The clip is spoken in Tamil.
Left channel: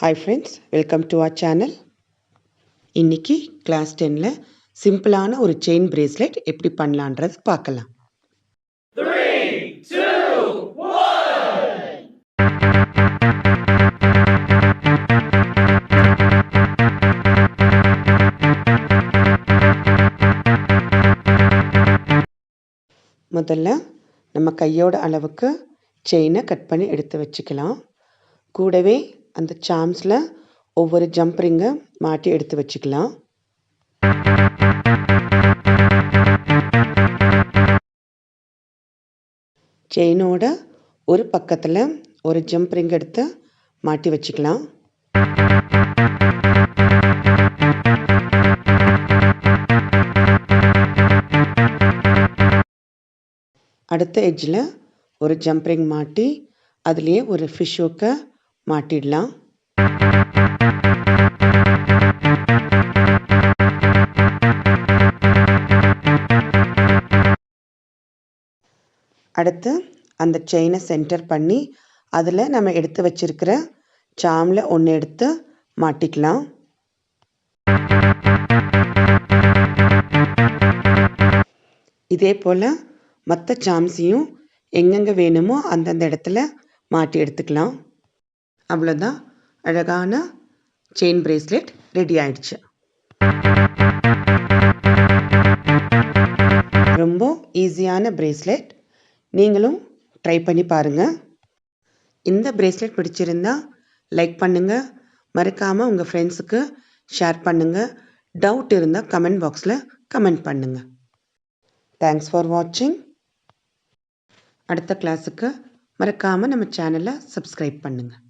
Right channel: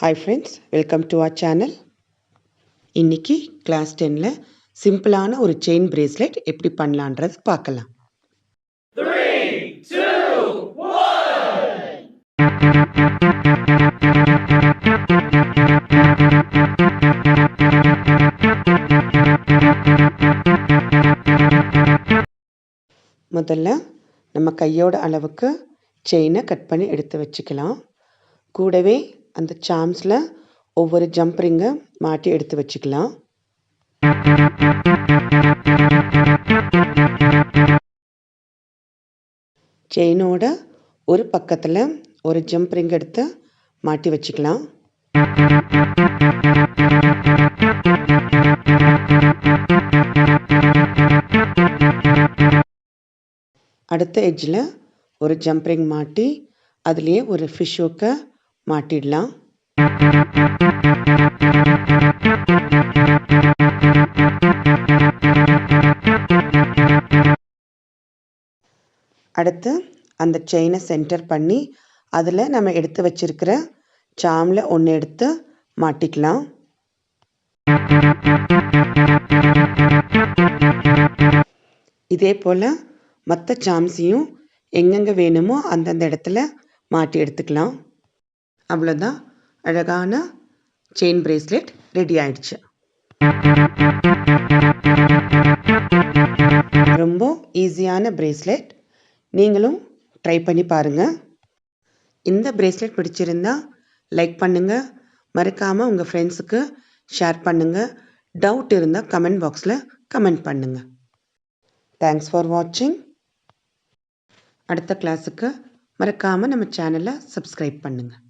Hi friends, welcome to our channel. இன்னைக்கு கிளாஸ் 10ல சிம்பிளான ஒரு செயின் பிரேஸ்லெட் எப்படி பண்ணலான்றது பார்க்கலாம். 3, 2, 1. முதல்ல நம்ம கையோட அளவுக்கு செயினை கட் பண்ணி எடுத்து வச்சுக்கலாம். கூடவே அந்த சாம்ஸில் ஒவ்வொரு ஜம்ப் ரிங்கை மாட்டி எடுத்து வச்சுக்கலாம். செயினோட ஒரு பக்கத்தில் ஒரு ஜம்ப் ரிங் எடுத்து மாட்டி வச்சுக்கலாம். அடுத்த எட்ஜில் ஒரு ஜம்ப் ரிங் மாட்டி அதுலேயே ஒரு ஃபிஷ் ஹூக்கை மாட்டிடலாம். அடுத்து அந்த செயினை சென்டர் பண்ணி அதில் நம்ம எடுத்து வச்சிருக்கிற சாமில் ஒன்று எடுத்து மாட்டிக்கலாம். இதே போல் மற்ற சாம்ஸையும் எங்கெங்கே வேணுமோ அந்தந்த இடத்துல மாட்டி எடுத்துக்கலாம். அவ்வளோதான், அழகான செயின் பிரேஸ்லெட் ரெடி ஆயிடுச்சு. ரொம்ப ஈஸியான பிரேஸ்லெட், நீங்களும் ட்ரை பண்ணி பாருங்கள். இந்த பிரேஸ்லெட் பிடிச்சிருந்தா லைக் பண்ணுங்கள், மறக்காமல் உங்கள் ஃப்ரெண்ட்ஸுக்கு ஷேர் பண்ணுங்கள். டவுட் இருந்தால் கமெண்ட் பாக்ஸில் கமெண்ட் பண்ணுங்கள். தேங்க்ஸ் ஃபார் வாட்சிங். அடுத்த கிளாஸுக்கு மறக்காமல் நம்ம சேனலை சப்ஸ்கிரைப் பண்ணுங்கள்.